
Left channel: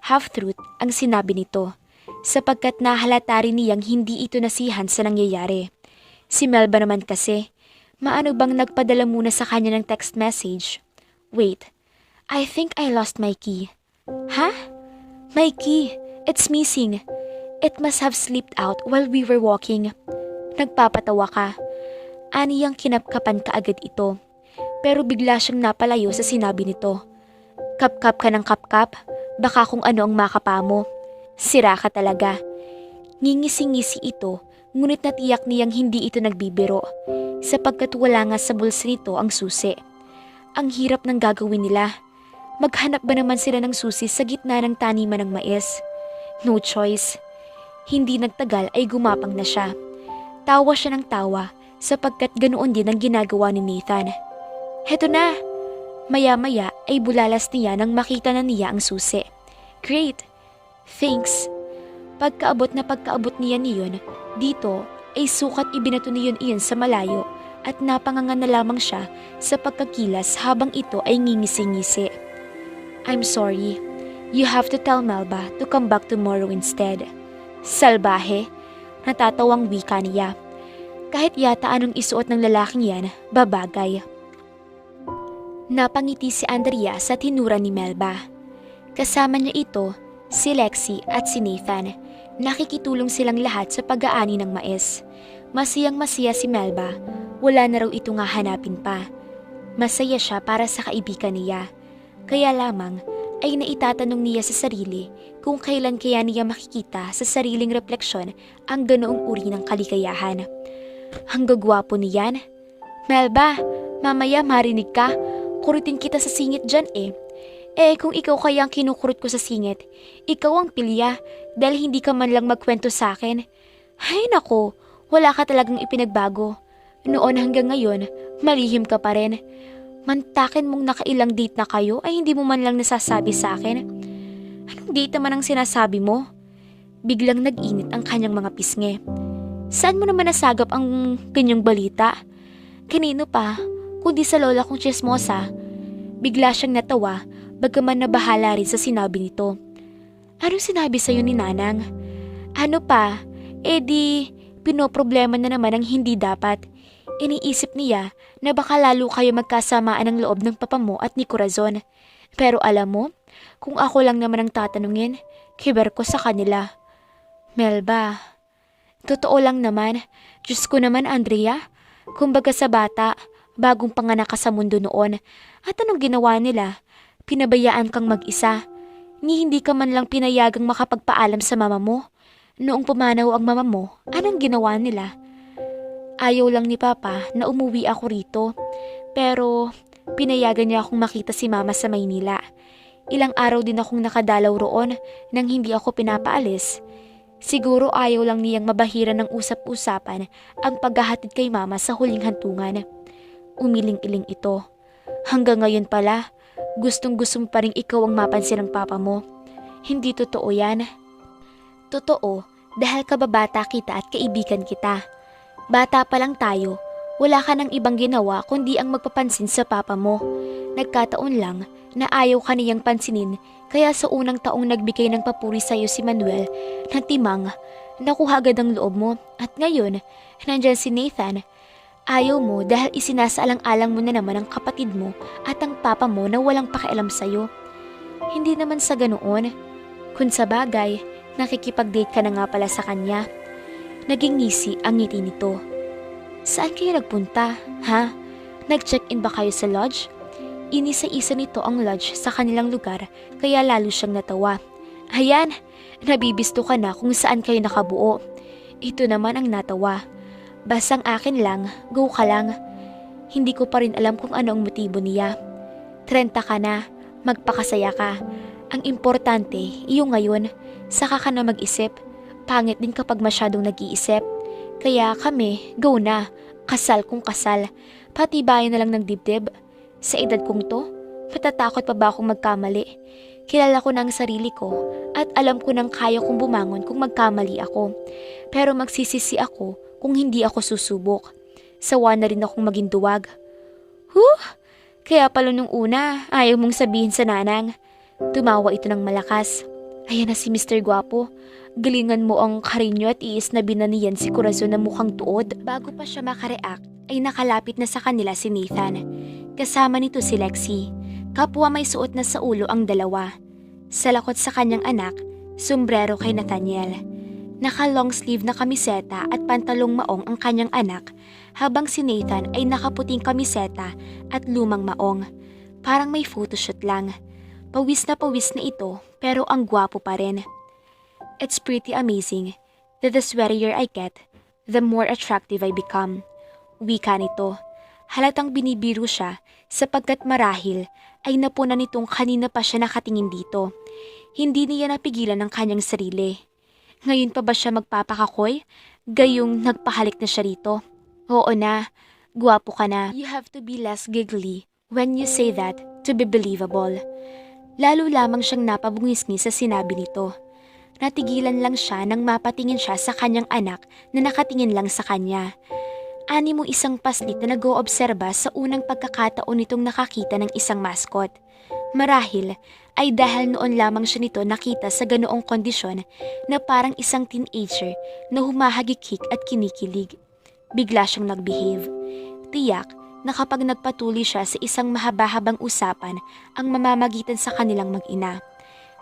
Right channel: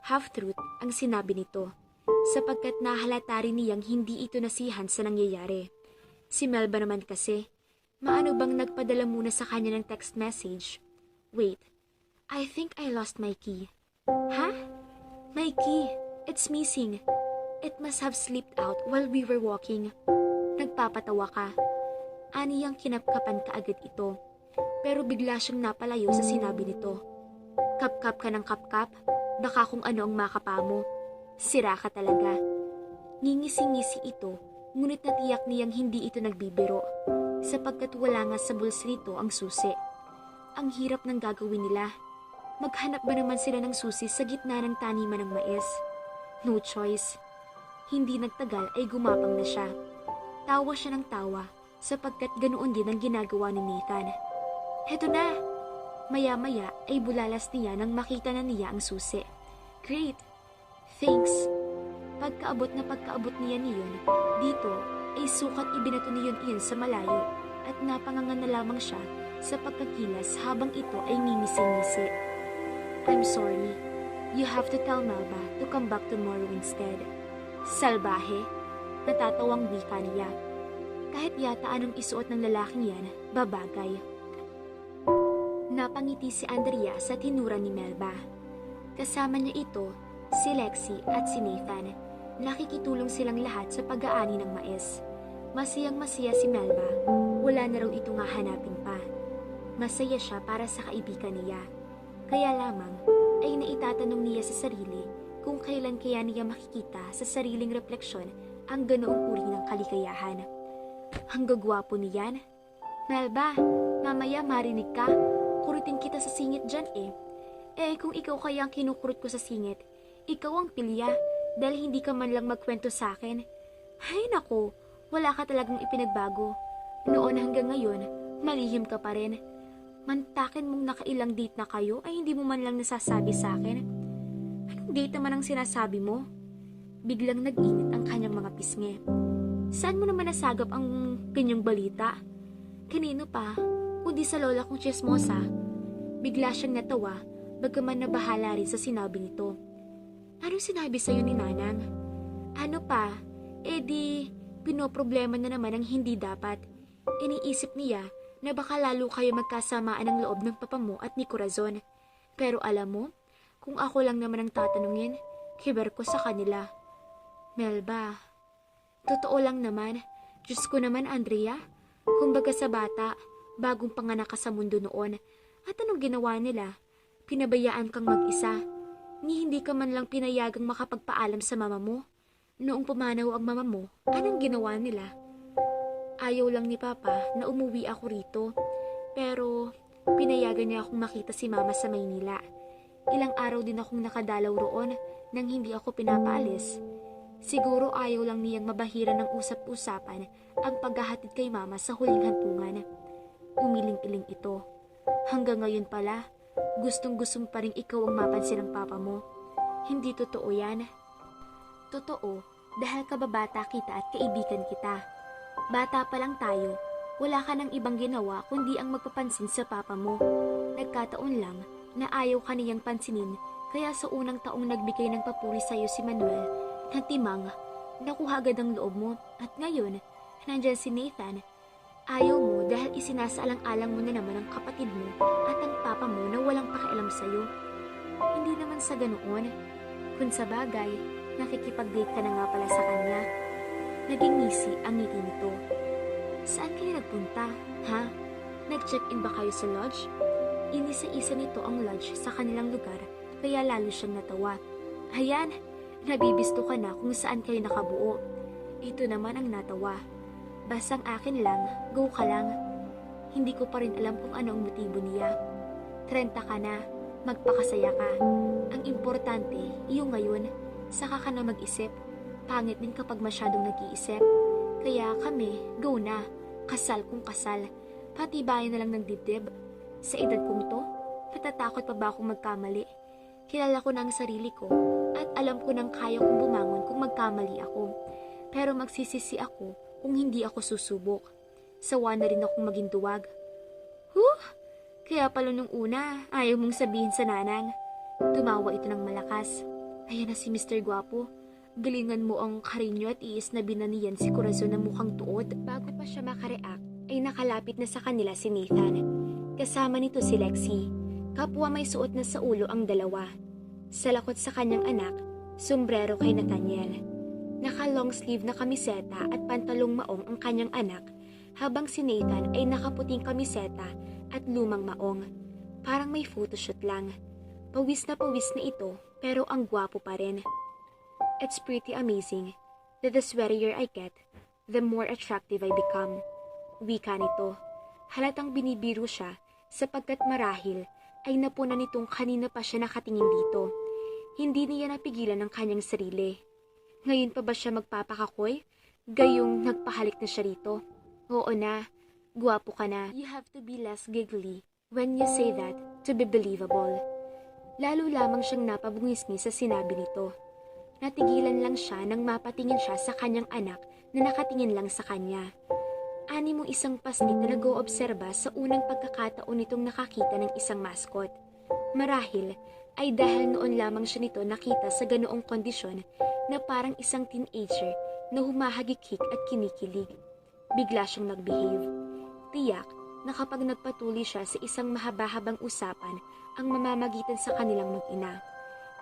Half-truth ang sinabi nito sapagkat nahalata rin niyang hindi ito nasihan sa nangyayari. Si Melba naman kasi, maano bang nagpadala muna sa kanya ng text message? Wait, I think I lost my key. Huh? My key, it's missing. It must have slipped out while we were walking. Nagpapatawa ka. Aniyang kinapkapan kaagad ito. Pero bigla siyang napalayo sa sinabi nito. Kapkap ka ng kapkap, baka kung ano ang makapa mo. Sira ka talaga. Ngingisi-ngisi ito, ngunit natiyak niyang hindi ito nagbibiro, sapagkat wala nga sa bulsa nito ang susi. Ang hirap ng gagawin nila. Maghanap ba naman sila ng susi sa gitna ng taniman ng mais? No choice. Hindi nagtagal ay gumapang na siya. Tawa siya ng tawa, sapagkat ganoon din ang ginagawa ni Nathan. Heto na! Maya-maya ay bulalas niya nang makita na niya ang susi. Great! Thanks! Pagkaabot niya niyon, dito ay sukat ibinato niyon iyon sa malayo at napangangan na lamang siya sa pagkakilas habang ito ay ngingisi-ngisi. I'm sorry. You have to tell Melba to come back tomorrow instead. Salbahe! Natatawang wika niya. Kahit yata anong isuot ng lalaking yan, babagay. Napangiti si Andrea sa tinura ni Melba. Kasama niya ito, si Lexi at si Nathan. Nakikitulong silang lahat sa pag-aani ng mais. Masiyang-masaya si Melba, wala na raw ito nga hanapin pa. Masaya siya para sa kaibigan niya. Kaya lamang ay naitatanong niya sa sarili kung kailan kaya niya makikita sa sariling refleksyon ang ganoong uri ng kaligayahan. Ang gagwapo niyan. Melba, mamaya marinig ka. Kurutin kita sa singit dyan eh. Kung ikaw kaya ang kinukurot ko sa singit, ikaw ang pilya dahil hindi ka man lang magkwento sa akin. Ay nako, wala ka talagang ipinagbago. Noon hanggang ngayon, malihim ka pa rin. Mantakin mong nakailang date na kayo ay hindi mo man lang nasasabi sa akin. Anong date naman ang sinasabi mo? Biglang nag-init ang kanyang mga pisngi. Saan mo naman nasagap ang ganyang balita? Kanino pa, kundi sa lola kong chismosa. Bigla siyang natawa, bagaman nabahala rin sa sinabi nito. Anong sinabi sa'yo ni Nanang? Ano pa? Pinoproblema na naman ang hindi dapat. Iniisip niya na baka lalo kayo magkasamaan ng loob ng papa mo at ni Corazon. Pero alam mo, kung ako lang naman ang tatanungin, kiber ko sa kanila. Melba, totoo lang naman. Diyos ko naman, Andrea. Kumbaga sa bata, bagong panganak ka sa mundo noon. At anong ginawa nila? Pinabayaan kang mag-isa. Hindi ka man lang pinayagang makapagpaalam sa mama mo. Noong pumanaw ang mama mo, anong ginawa nila? Ayaw lang ni Papa na umuwi ako rito. Pero pinayagan niya akong makita si Mama sa Maynila. Ilang araw din akong nakadalaw roon nang hindi ako pinapaalis. Siguro ayaw lang niyang mabahira ng usap-usapan ang paghahatid kay Mama sa huling hantungan. Umiling-iling ito. Hanggang ngayon pala, gustong-gusto mo pa rin ikaw ang mapansin ng Papa mo. Hindi totoo yan. Totoo, dahil kababata kita at kaibigan kita. Bata pa lang tayo, wala ka ng ibang ginawa kundi ang magpapansin sa papa mo. Nagkataon lang na ayaw ka niyang pansinin, kaya sa unang taong nagbigay ng papuri sa'yo si Manuel ng timang, nakuha agad ang loob mo at ngayon, nandyan si Nathan. Ayaw mo dahil isinasaalang-alang mo na naman ang kapatid mo at ang papa mo na walang pakialam sa'yo. Hindi naman sa ganoon. Kung sa bagay, nakikipag-date ka na nga pala sa kanya. Naging ngisi ang ngiti nito. Saan kayo nagpunta, ha? Nag-check-in ba kayo sa lodge? Inisa-isa nito ang lodge sa kanilang lugar kaya lalo siyang natawa. Ayan, nabibisto ka na kung saan kayo nakabuo. Ito naman ang natawa. Basang akin lang, go ka lang. Hindi ko pa rin alam kung ano ang motibo niya. 30 ka na, magpakasaya ka. Ang importante, iyo ngayon, saka ka na mag-isip. Pangit din kapag masyadong nag-iisip. Kaya kami, go na. Kasal kung kasal. Patibayan na lang ng dibdib. Sa edad kong to, matatakot pa ba akong magkamali? Kilala ko na ang sarili ko at alam ko nang kaya kong bumangon kung magkamali ako. Pero magsisisi ako kung hindi ako susubok. Sawa na rin akong maging duwag. Kaya pala nung una, ayaw mong sabihin sa Nanang. Tumawa ito ng malakas. Ayan na si Mr. Guapo. Galingan mo ang karinyo at iis na binaniyan si Corazon na mukhang tuod. Bago pa siya makareact, ay nakalapit na sa kanila si Nathan. Kasama nito si Lexi. Kapwa may suot na sa ulo ang dalawa. Sa lakot sa kanyang anak, sombrero kay Nathaniel. Naka-long sleeve na kamiseta at pantalong maong ang kanyang anak, habang si Nathan ay nakaputing kamiseta at lumang maong. Parang may photoshoot lang. Pawis na ito, pero ang gwapo pa rin. It's pretty amazing that the sweatier I get, the more attractive I become. Wika nito. Halatang binibiro siya sapagkat marahil ay napuna nitong kanina pa siya nakatingin dito. Hindi niya napigilan ang kanyang sarili. Ngayon pa ba siya magpapakakoy? Gayong nagpahalik na siya rito. Oo na, gwapo ka na. You have to be less giggly when you say that to be believable. Lalo lamang siyang napabungisngi sa sinabi nito. Natigilan lang siya nang mapatingin siya sa kanyang anak na nakatingin lang sa kanya. Ani mo isang paslit na nag-oobserba sa unang pagkakataon nitong nakakita ng isang mascot. Marahil ay dahil noon lamang siya nito nakita sa ganoong kondisyon na parang isang teenager na humahagikik at kinikilig. Bigla siyang nag-behave. Tiyak na kapag nagpatuloy siya sa isang mahaba-habang usapan ang mamamagitan sa kanilang mag-ina.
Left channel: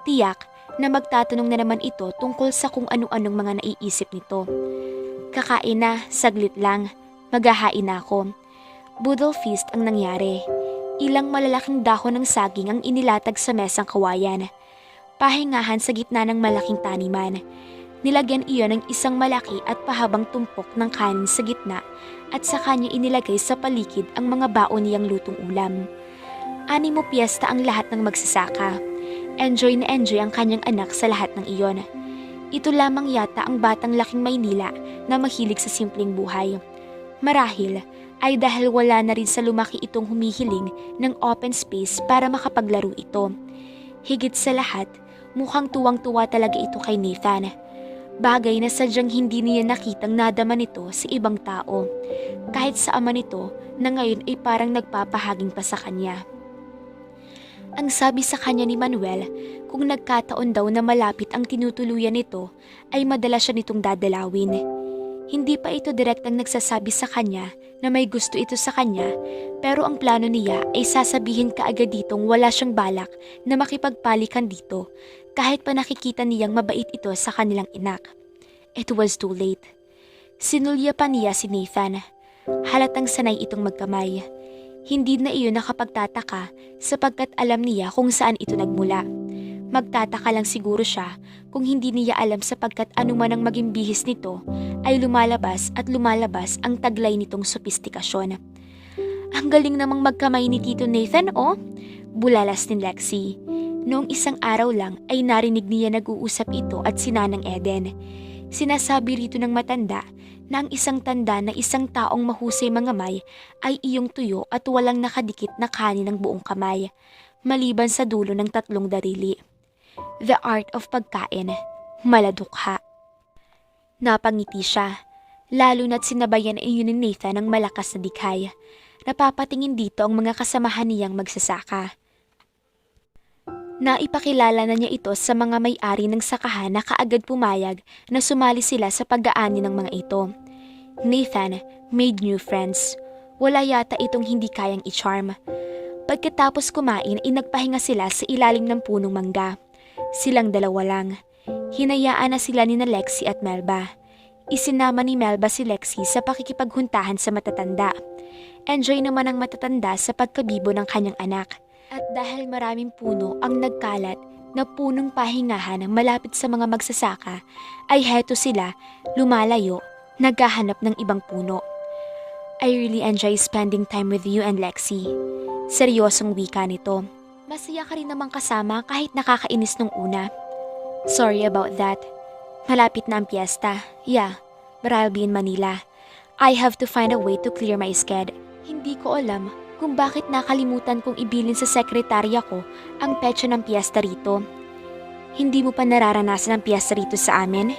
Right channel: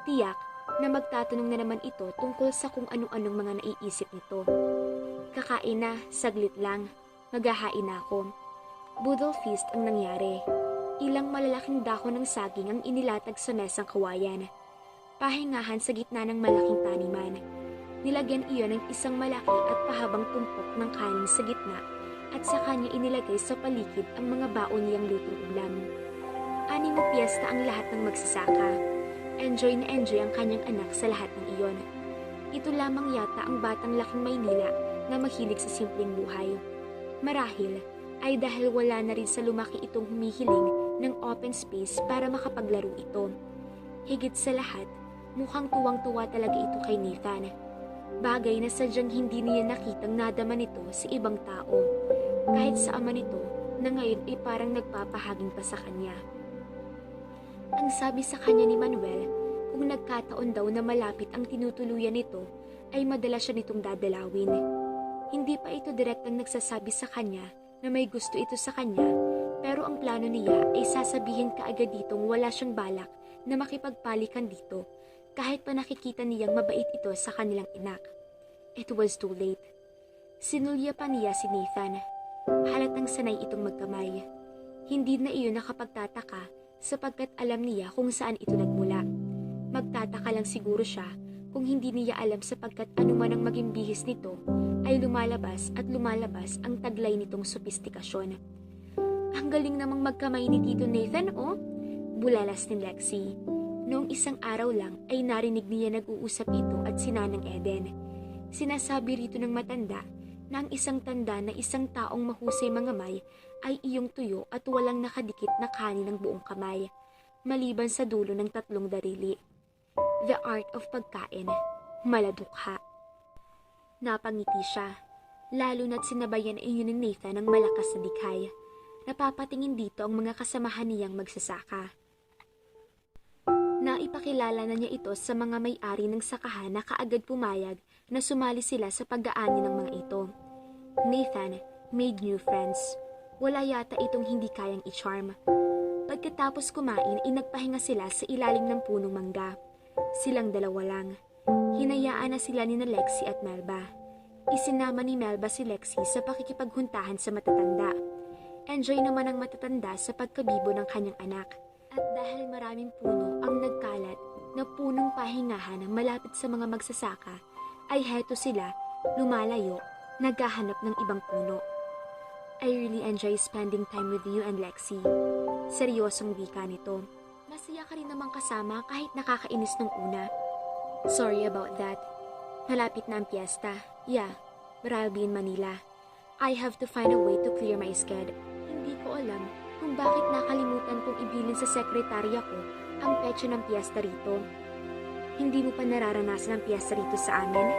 Tiyak na magtatanong na naman ito tungkol sa kung ano-anong mga naiisip nito. Kakain na, saglit lang. Maghahain na ako. Boodle feast ang nangyari. Ilang malalaking dahon ng saging ang inilatag sa mesang kawayan. Pahingahan sa gitna ng malaking taniman. Nilagyan iyon ng isang malaki at pahabang tumpok ng kanin sa gitna at sa kanya inilagay sa paligid ang mga baon niyang lutong ulam. Animo piyesta ang lahat ng magsasaka. Enjoy na enjoy ang kanyang anak sa lahat ng iyon. Ito lamang yata ang batang laking Maynila na mahilig sa simpleng buhay. Marahil ay dahil wala na rin sa lumaki itong humihiling ng open space para makapaglaro ito. Higit sa lahat, Mukhang tuwang-tuwa talaga ito kay Nathan. Bagay na sadyang hindi niya nakitang nadama nito sa ibang tao. Kahit sa ama nito na ngayon ay parang nagpapahaging pa sa kanya. Ang sabi sa kanya ni Manuel, kung nagkataon daw na malapit ang tinutuluyan nito, ay madalas siya nitong dadalawin. Hindi pa ito direktang nagsasabi sa kanya na may gusto ito sa kanya, pero ang plano niya ay sasabihin kaagad ditong wala siyang balak na makipagpalikan dito, kahit pa nakikita niyang mabait ito sa kanilang inak. It was too late. Sinulya pa niya si Nathan. Halatang sanay itong magkamay. Hindi na iyon nakapagtataka sapagkat alam niya kung saan ito nagmula. Magtataka lang siguro siya kung hindi niya alam sapagkat anuman ang maging bihis nito ay lumalabas at lumalabas ang taglay nitong sopistikasyon. Ang galing namang magkamay ni Tito Nathan, oh! Bulalas ni Lexi. Noong isang araw lang ay narinig niya nag-uusap ito at si Nanang Eden. Sinasabi rito ng matanda na ang isang tanda na isang taong mahusay mangamay ay iyong tuyo at walang nakadikit na kanin ng buong kamay, maliban sa dulo ng 3 darili. The art of pagkain, maladukha. Napangiti siya, lalo na't sinabayan iyon ni Nathan ng malakas na dikhay. Napapatingin dito ang mga kasamahan niyang magsasaka. Naipakilala na niya ito sa mga may-ari ng sakahan na kaagad pumayag na sumali sila sa pag-aani ng mga ito. Nathan made new friends. Wala yata itong hindi kayang i-charm. Pagkatapos kumain ay nagpahinga sila sa ilalim ng punong mangga. Silang dalawa lang. Hinayaan na sila ni Lexi at Melba. Isinama ni Melba si Lexi sa pakikipaghuntahan sa matatanda. Enjoy naman ang matatanda sa pagkabibo ng kanyang anak. At dahil maraming puno ang nagkalat na punong pahingahan malapit sa mga magsasaka, ay heto sila, lumalayo, naghahanap ng ibang puno. I really enjoy spending time with you and Lexi. Seryosong wika nito. Masaya ka rin namang kasama kahit nakakainis nung una. Sorry about that. Malapit na ang piyesta. Yeah, but I'll be in Manila. I have to find a way to clear my schedule. Hindi ko alam kung bakit nakalimutan kong ibilin sa sekretarya ko ang petsa ng piyesta rito. Hindi mo pa nararanasan ang piyesta rito sa amin?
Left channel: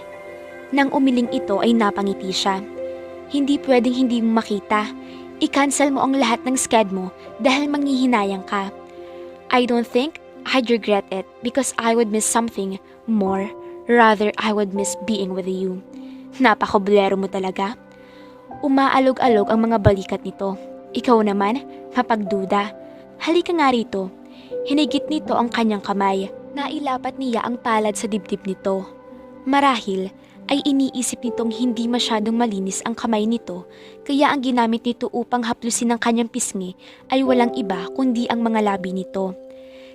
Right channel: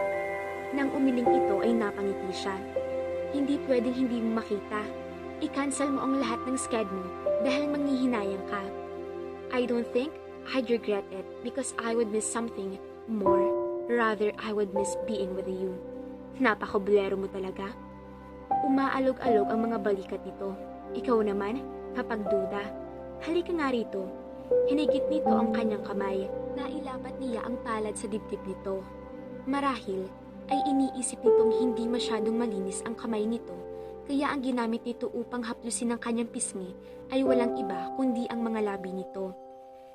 Nang umiling ito ay napangiti siya. Hindi pwedeng hindi mo makita. I-cancel mo ang lahat ng sked mo dahil manghihinayang ka. I don't think I'd regret it because I would miss something more. Rather, I would miss being with you. Napakablero mo talaga. Umaalog-alog ang mga balikat nito. Ikaw naman, mapagduda. Halika nga rito. Hinigit nito ang kanyang kamay. Nailapat niya ang palad sa dibdib nito. Marahil ay iniisip nitong hindi masyadong malinis ang kamay nito, kaya ang ginamit nito upang haplusin ang kanyang pisngi ay walang iba kundi ang mga labi nito.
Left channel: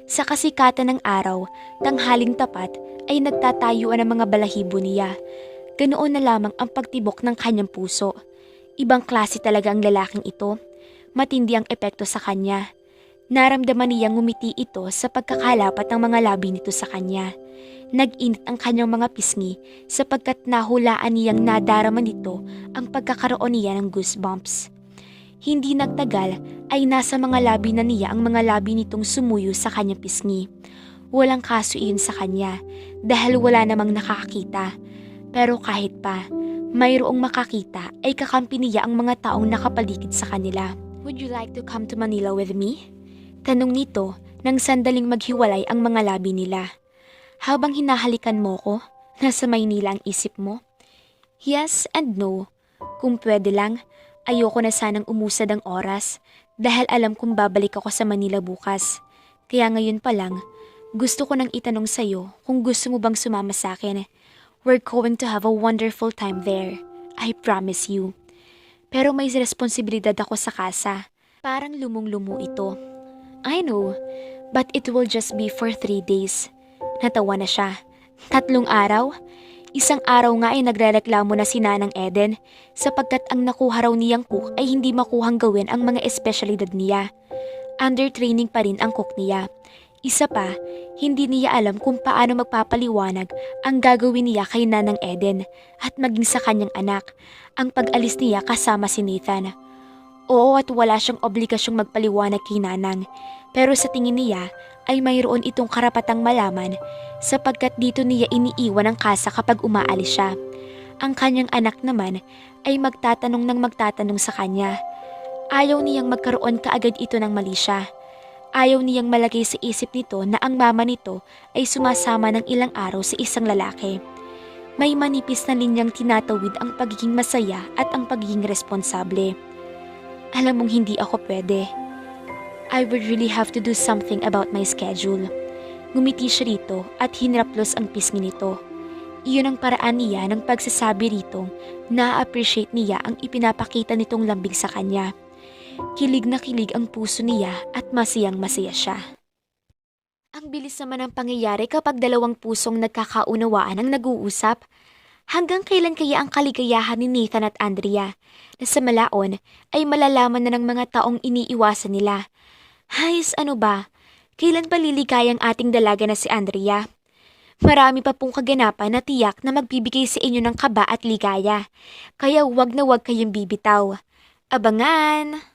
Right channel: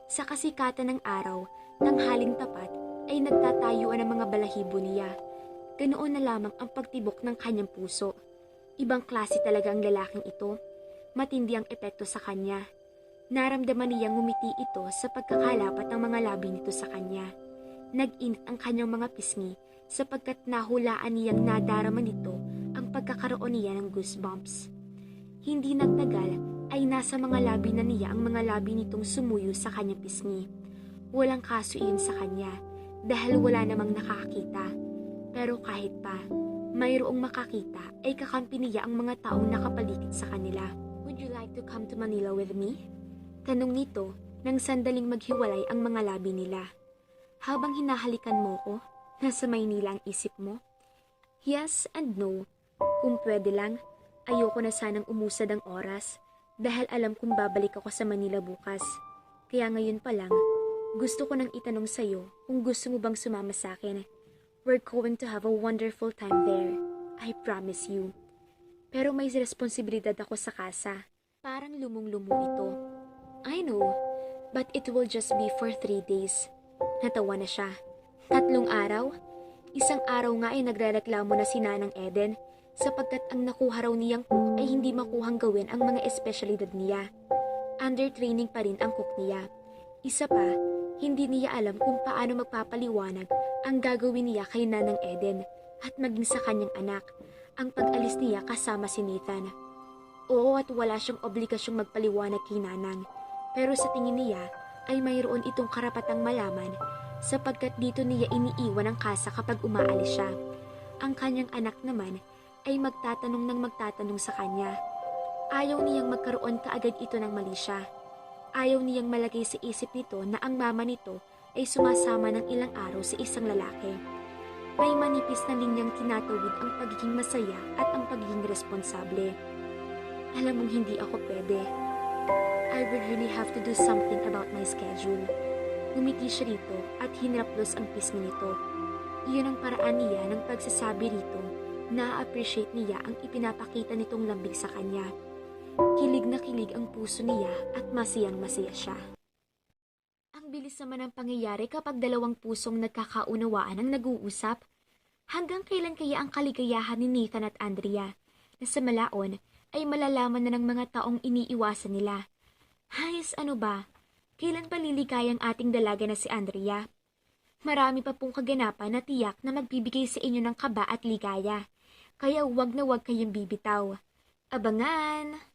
Sa kasikatan ng araw, tanghaling tapat ay nagtatayuan ang mga balahibo niya. Ganoon na lamang ang pagtibok ng kanyang puso. Ibang klase talaga ang lalaking ito. Matindi ang epekto sa kanya. Naramdaman niyang ngumiti ito sa pagkakalapat ng mga labi nito sa kanya. Nag-init ang kanyang mga pisngi sapagkat nahulaan niyang nadarama nito ang pagkakaroon niya ng goosebumps. Hindi nagtagal ay nasa mga labi na niya ang mga labi nitong sumuyo sa kanyang pisngi. Walang kaso iyon sa kanya dahil wala namang nakakita. Pero kahit pa, mayroong makakita ay kakampi niya ang mga taong nakapaligid sa kanila. Would you like to come to Manila with me? Tanong nito nang sandaling maghiwalay ang mga labi nila. Habang hinahalikan mo ko, nasa Maynila ang isip mo? Yes and no. Kung pwede lang, ayoko na sanang umusad ang oras dahil alam kong babalik ako sa Manila bukas. Kaya ngayon pa lang, gusto ko nang itanong sa'yo kung gusto mo bang sumama sa akin. We're going to have a wonderful time there. I promise you. Pero may responsibilidad ako sa kasa. Parang lumong-lumo ito. I know, but it will just be for 3 days. Natawa na siya. 3 araw? Isang araw nga ay nagrereklamo na si Nanang Eden sapagkat ang nakuha raw niyang cook ay hindi makuhang gawin ang mga espesyalidad niya. Under training pa rin ang cook niya. Isa pa, hindi niya alam kung paano magpapaliwanag ang gagawin niya kay Nanang Eden at maging sa kanyang anak, ang pag-alis niya kasama si Nathan. Oo, at wala siyang obligasyong magpaliwanag kay Nanang, pero sa tingin niya ay mayroon itong karapatang malaman sapagkat dito niya iniiwan ang kasa kapag umaalis siya. Ang kanyang anak naman ay magtatanong sa kanya. Ayaw niyang magkaroon kaagad ito ng mali siya. Ayaw niyang malagay sa isip nito na ang mama nito ay sumasama ng ilang araw sa isang lalaki. May manipis na linyang tinatawid ang pagiging masaya at ang pagiging responsable. Alam mong hindi ako pwede. I would really have to do something about my schedule. Ngumiti siya rito at hinraplos ang pisngi nito. Iyon ang paraan niya ng pagsasabi rito na appreciate niya ang ipinapakita nitong lambing sa kanya. Kilig na kilig ang puso niya at masayang masaya siya. Ang bilis naman ng pangyayari kapag dalawang pusong nagkakaunawaan ang nag-uusap. Hanggang kailan kaya ang kaligayahan ni Nathan at Andrea na sa malaon ay malalaman na ng mga taong iniiwasan nila? Hays, ano ba? Kailan pa liligayang ating dalaga na si Andrea? Marami pa pong kaganapan na tiyak na magbibigay sa inyo ng kaba at ligaya. Kaya wag na wag kayong bibitaw. Abangan!